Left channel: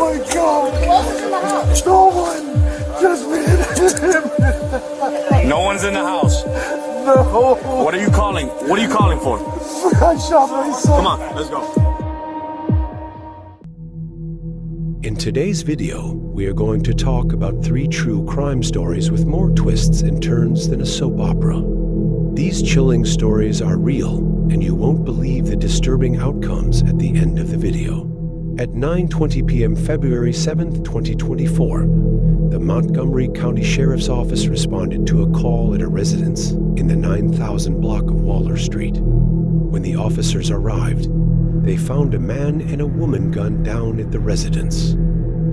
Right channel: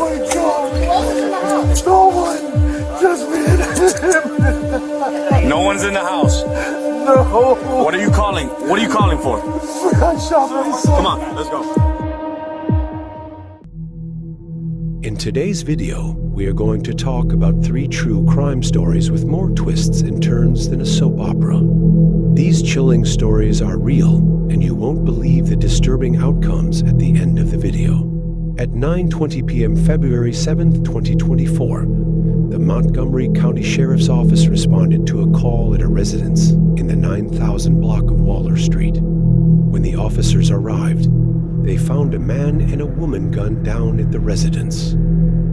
my God! Who else is in the house? No one! Just me and him! No one's in the house. No! What are you calling? What are you calling for? I shot my son! Come on, let's go. In today's video, we are going to talk about 3 true crime stories with more twists and turns than a soap opera. These chilling stories are real, and you won't believe the disturbing outcomes at the end of the video. At 9:20 p.m. February 7th, 2024, the Montgomery County Sheriff's Office responded to a call at a residence in the 9000 block of Waller Street. When the officers arrived, they found a man and a woman gunned down at the residence.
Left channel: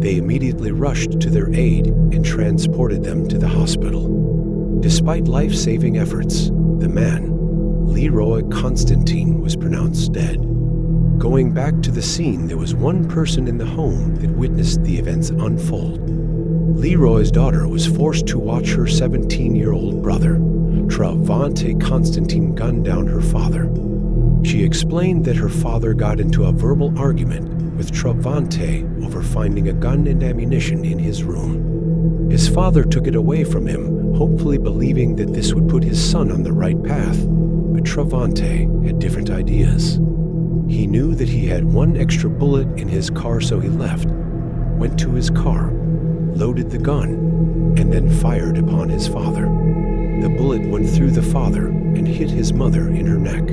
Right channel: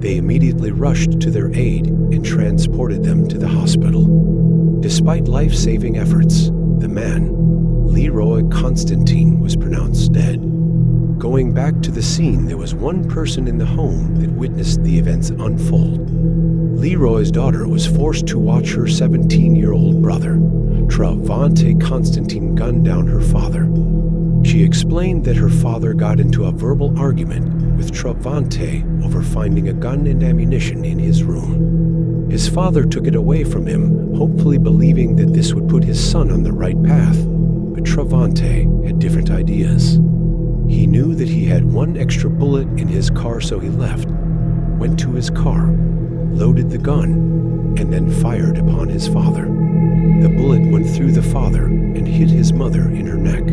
They immediately rushed to their aid and transported them to the hospital. Despite life-saving efforts, the man, Leroy Constantine, was pronounced dead. Going back to the scene, there was one person in the home that witnessed the events unfold. Leroy's daughter was forced to watch her 17-year-old brother, Travante Constantine, gun down her father. She explained that her father got into a verbal argument with Travante over finding a gun and ammunition in his room. His father took it away from him, hopefully believing that this would put his son on the right path, but Travante had different ideas. He knew that he had one extra bullet in his car, so he left, went to his car, loaded the gun, and then fired upon his father. The bullet went through the father and hit his mother in her neck.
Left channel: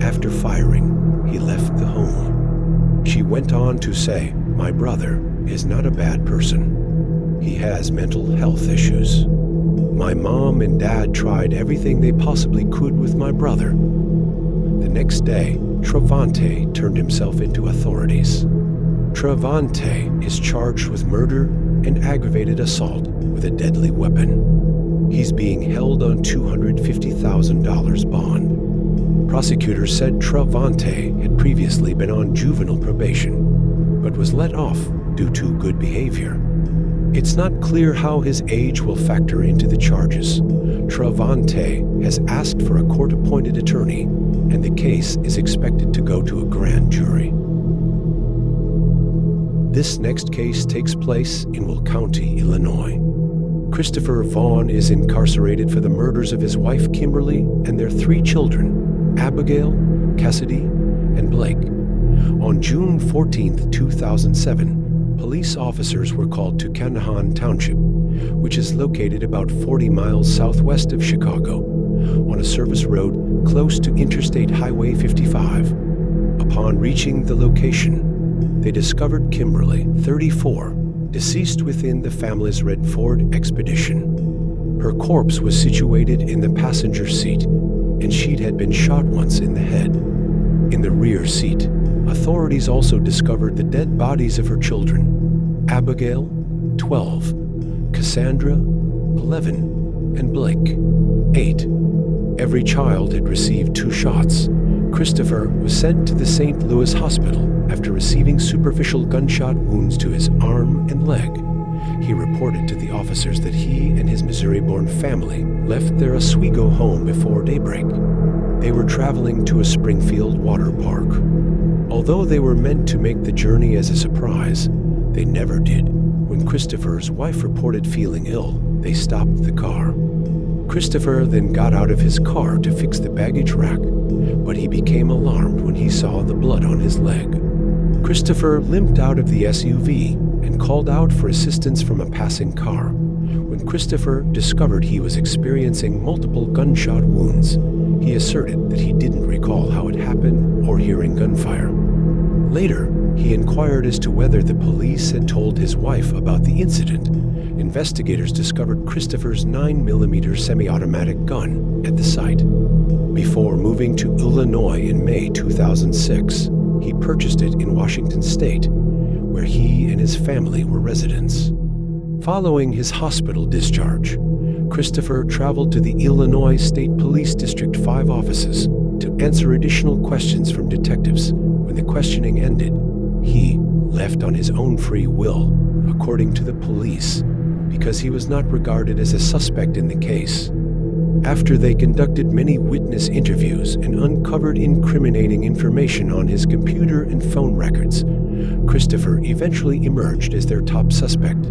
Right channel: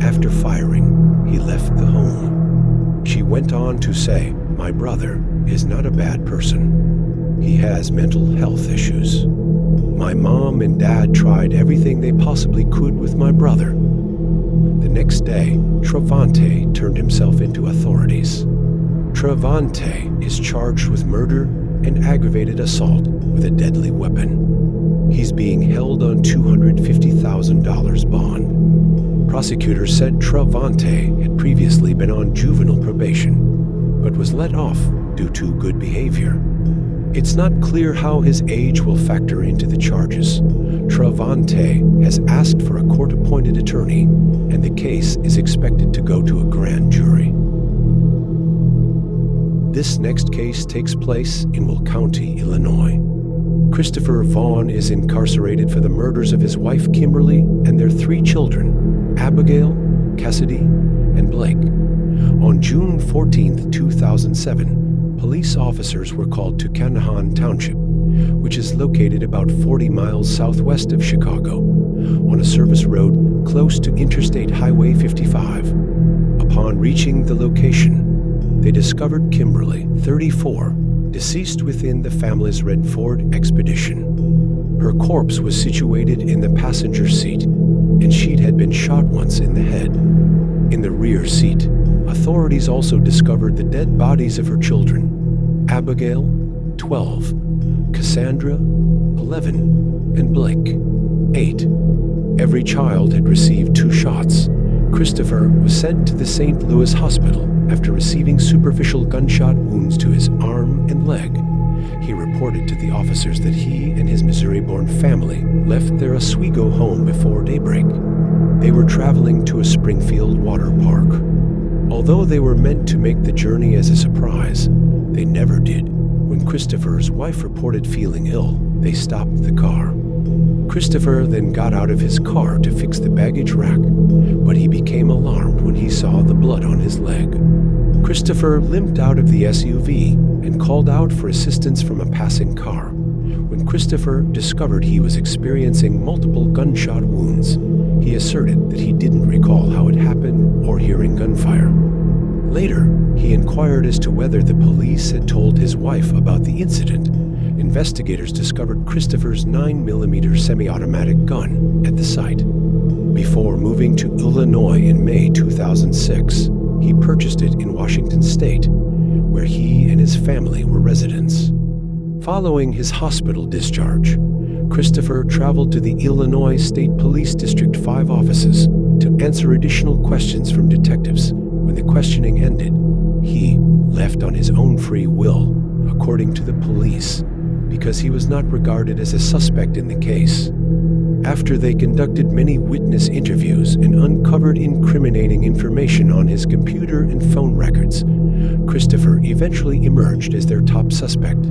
After firing, he left the home. She went on to say, "My brother is not a bad person. He has mental health issues. My mom and dad tried everything they possibly could with my brother." The next day, Travante turned himself into authorities. Travante is charged with murder and aggravated assault with a deadly weapon. He's being held on $250,000 bond. Prosecutors said Travante had previously been on juvenile probation, but was let off due to good behavior. It's not clear how his age will factor into the charges. Travante has asked for a court-appointed attorney, and the case is expected to go to a grand jury. This next case takes place in Will County, Illinois. Christopher Vaughn is incarcerated for the murders of his wife Kimberly and their 3 children, Abigail, Cassidy, and Blake. On June 14, 2007, police officers were called to Canahan Township, which is located about 40 miles southwest of Chicago, on a service road close to Interstate Highway 55. Upon reaching the location, they discovered Kimberly, 34, deceased within the family's red Ford Expedition. Her corpse was situated in the passenger seat, and she had been shot once in the head. In the rear seat, authorities also discovered the dead bodies of her children, Abigail, 12, Cassandra, 11, and Blake, 8. Every child had received 2 shots. Christopher was sent to the St. Louis Hospital after receiving superficial gunshot wounds to his arm and leg. He reported to the officers that he and his Missouri-born family left their Oswego home before daybreak. They were traveling to a Springfield water park. Although they were meant to make the journey as a surprise, they never did. When Christopher's wife reported feeling ill, they stopped the car. Christopher then got out of his car to fix the baggage rack, but he became alarmed when he saw the blood on his leg. Christopher limped out of the SUV and called out for assistance from a passing car. When Christopher discovered he was experiencing multiple gunshot wounds, he asserted that he didn't recall how it happened or hearing gunfire. Later, he inquired as to whether the police had told his wife about the incident. Investigators discovered Christopher's 9mm semi-automatic gun at the site. Before moving to Illinois in May 2006, he purchased it in Washington State, where he and his family were residents. Following his hospital discharge, Christopher traveled to the Illinois State Police District 5 offices to answer additional questions from detectives. When the questioning ended, he left on his own free will, according to the police, because he was not regarded as a suspect in the case. After they conducted many witness interviews and uncovered incriminating information on his computer and phone records, Christopher eventually emerged as their top suspect.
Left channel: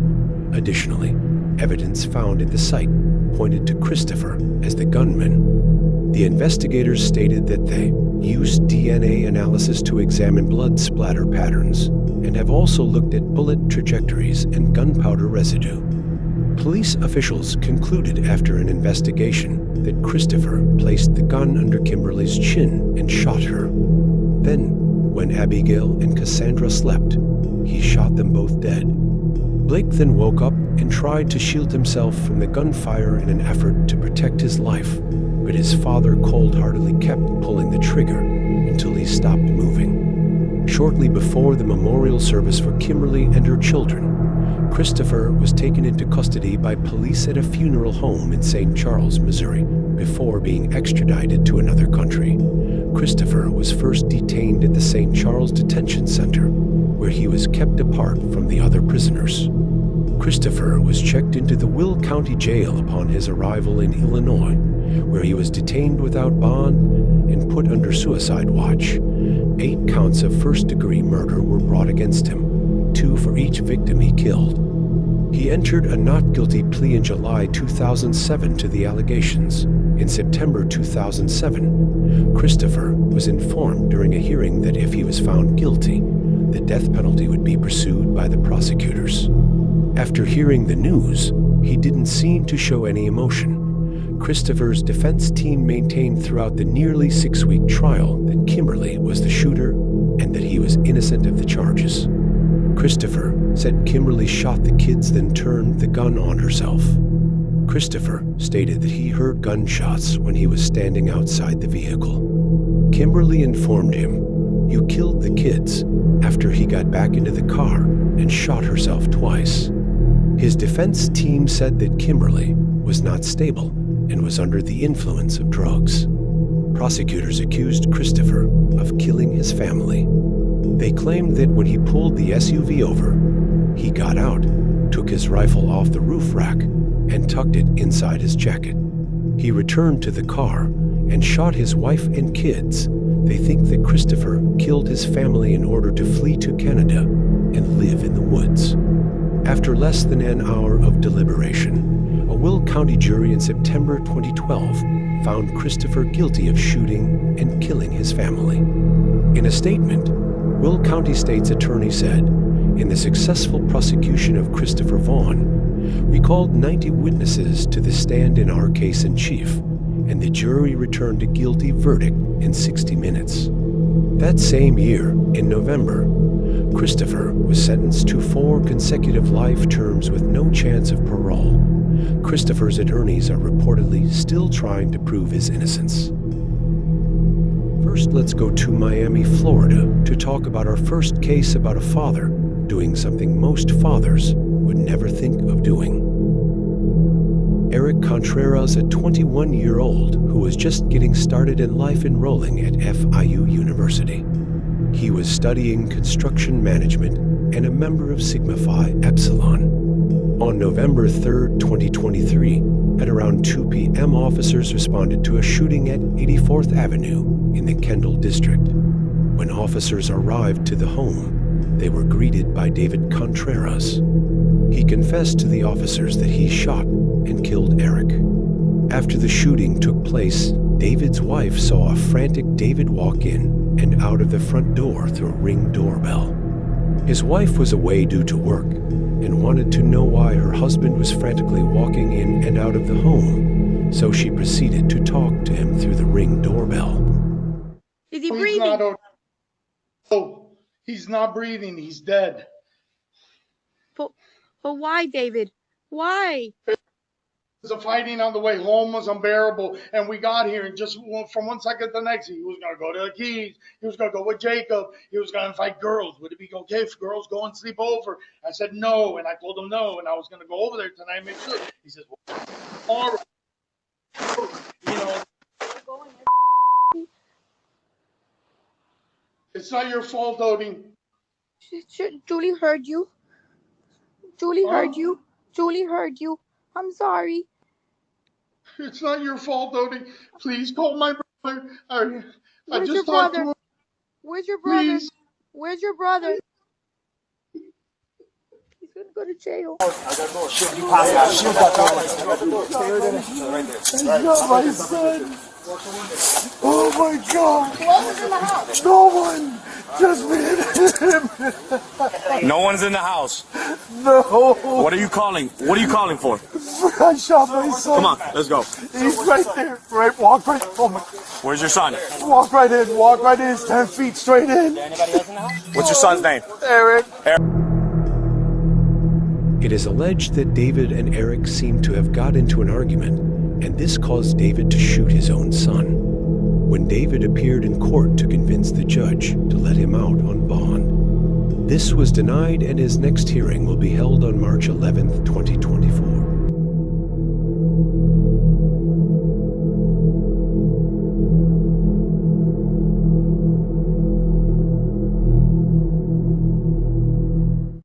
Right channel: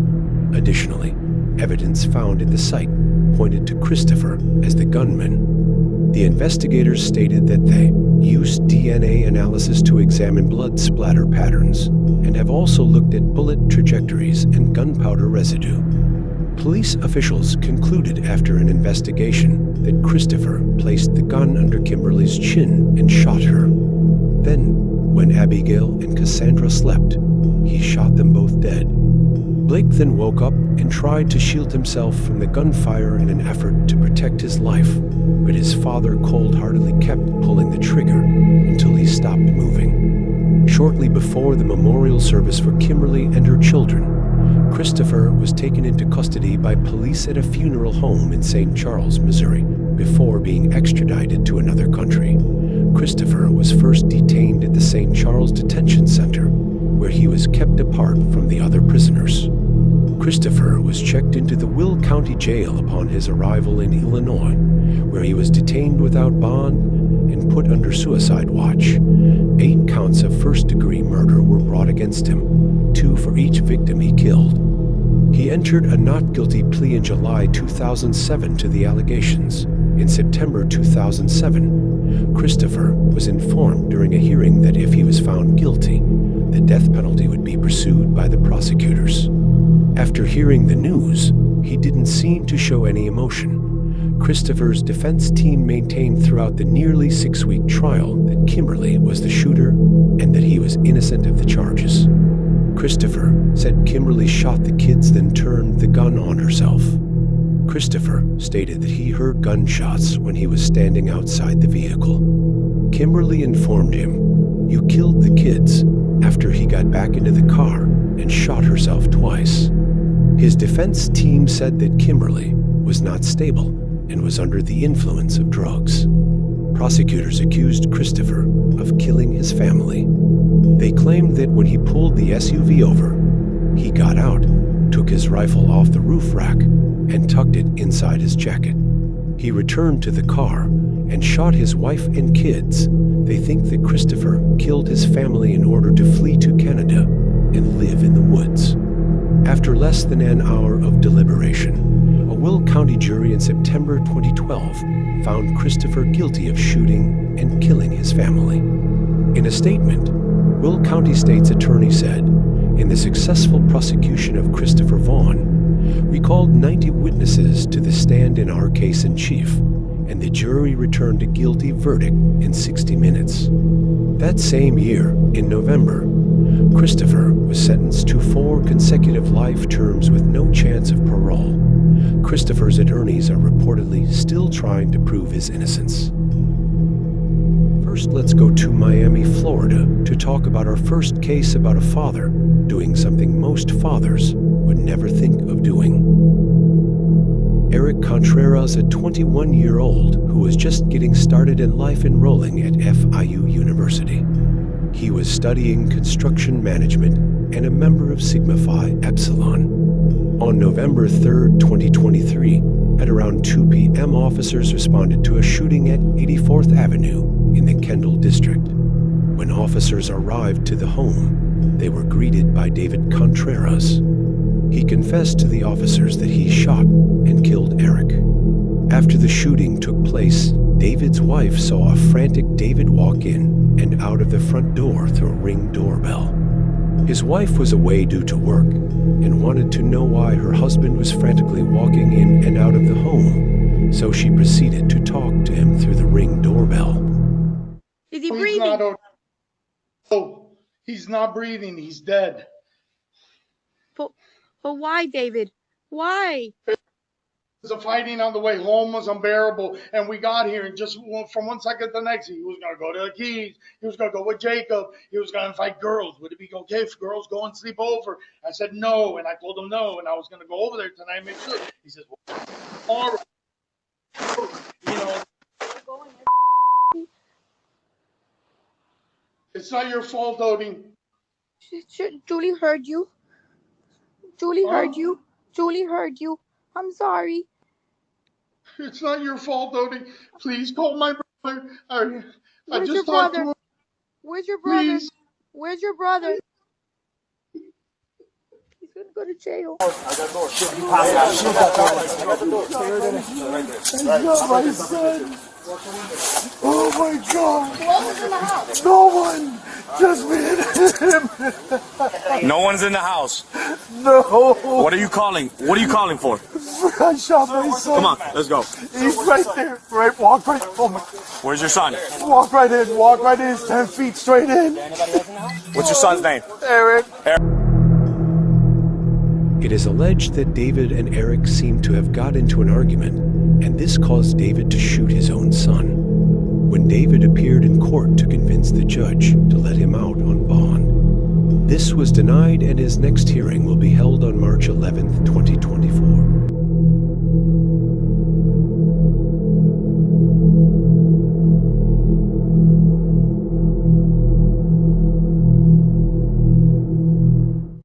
Additionally, evidence found at the site pointed to Christopher as the gunman. The investigators stated that they used DNA analysis to examine blood splatter patterns and have also looked at bullet trajectories and gunpowder residue. Police officials concluded after an investigation that Christopher placed the gun under Kimberly's chin and shot her. Then, when Abigail and Cassandra slept, he shot them both dead. Blake then woke up and tried to shield himself from the gunfire in an effort to protect his life, but his father cold-heartedly kept pulling the trigger until he stopped moving. Shortly before the memorial service for Kimberly and her children, Christopher was taken into custody by police at a funeral home in St. Charles, Missouri, before being extradited to another country. Christopher was first detained at the St. Charles Detention Center, where he was kept apart from the other prisoners. Christopher was checked into the Will County Jail upon his arrival in Illinois, where he was detained without bond and put under suicide watch. 8 counts of first-degree murder were brought against him, 2 for each victim he killed. He entered a not guilty plea in July 2007 to the allegations. In September 2007, Christopher was informed during a hearing that if he was found guilty, the death penalty would be pursued by the prosecutors. After hearing the news, he didn't seem to show any emotion. Christopher's defense team maintained throughout the nearly 6-week trial that Kimberly was the shooter and that he was innocent of the charges. Christopher said Kimberly shot the kids, then turned the gun on herself. Christopher stated that he heard gunshots when he was standing outside the vehicle. Kimberly informed him, "You killed the kids," after he got back into the car and shot herself twice. His defense team said that Kimberly was not stable and was under the influence of drugs. Prosecutors accused Christopher of killing his family. They claimed that when he pulled the SUV over, he got out, took his rifle off the roof rack, and tucked it inside his jacket. He returned to the car and shot his wife and kids. They think that Christopher killed his family in order to flee to Canada and live in the woods. After less than an hour of deliberation, a Will County jury in September 2012 found Christopher guilty of shooting and killing his family. In a statement, Will County State's attorney said, "In the successful prosecution of Christopher Vaughn, we called 90 witnesses to the stand in our case in chief, and the jury returned a guilty verdict in 60 minutes. That same year, in November, Christopher was sentenced to 4 consecutive life terms with no chance of parole. Christopher's attorneys are reportedly still trying to prove his innocence. First, let's go to Miami, Florida, to talk about our first case about a father doing something most fathers would never think of doing. Eric Contreras, a 21-year-old who was just getting started in life enrolling at FIU University. He was studying construction management and a member of Sigma Phi Epsilon. On November 3, 2023, at around 2 p.m., officers responded to a shooting at 84th Avenue in the Kendall district. When officers arrived to the home, they were greeted by David Contreras. He confessed to the officers that he shot and killed Eric. After the shooting took place, David's wife saw a frantic David walk in and out of the front door through a Ring doorbell. His wife was away due to work and wanted to know why her husband was frantically walking in and out of the home, so she proceeded to talk to him through the Ring doorbell. Is he He's breathing? not. Oh, he's not breathing. He's dead. But why, David? Why? The fighting on the way home was unbearable, and we got here, and just from one second to the next, he was going to go to the Keys. He was going to go with Jacob. He was going to fight girls. Would it be okay if girls go and sleep over? I said no, and I told him no, and I was going to go over there tonight and make sure. He says, well, all right. You know, it's not your fault, Odie. Julie heard you. Julie heard you. Julie heard you. I'm sorry. It's not your fault, Odie. Please call my brother. I Where's just your talked to brother? him. Where's your brother? Please. Where's your brother? go to jail. My son. Oh my God. Who else is in the house? No one. Just me and him. No one's in the house. No. What are you calling? What are you calling for? I shot my son. Come on, let's go. He's right there. Right. Walk right. Oh my. Where's your son? Walk right in. Walk right in. 10 feet straight in. What's your son's name? Eric. It is alleged that David and Eric seemed to have got into an argument, and this caused David to shoot his own son. When David appeared in court to convince the judge to let him out on bond, this was denied, and his next hearing will be held on March 11th, 2024.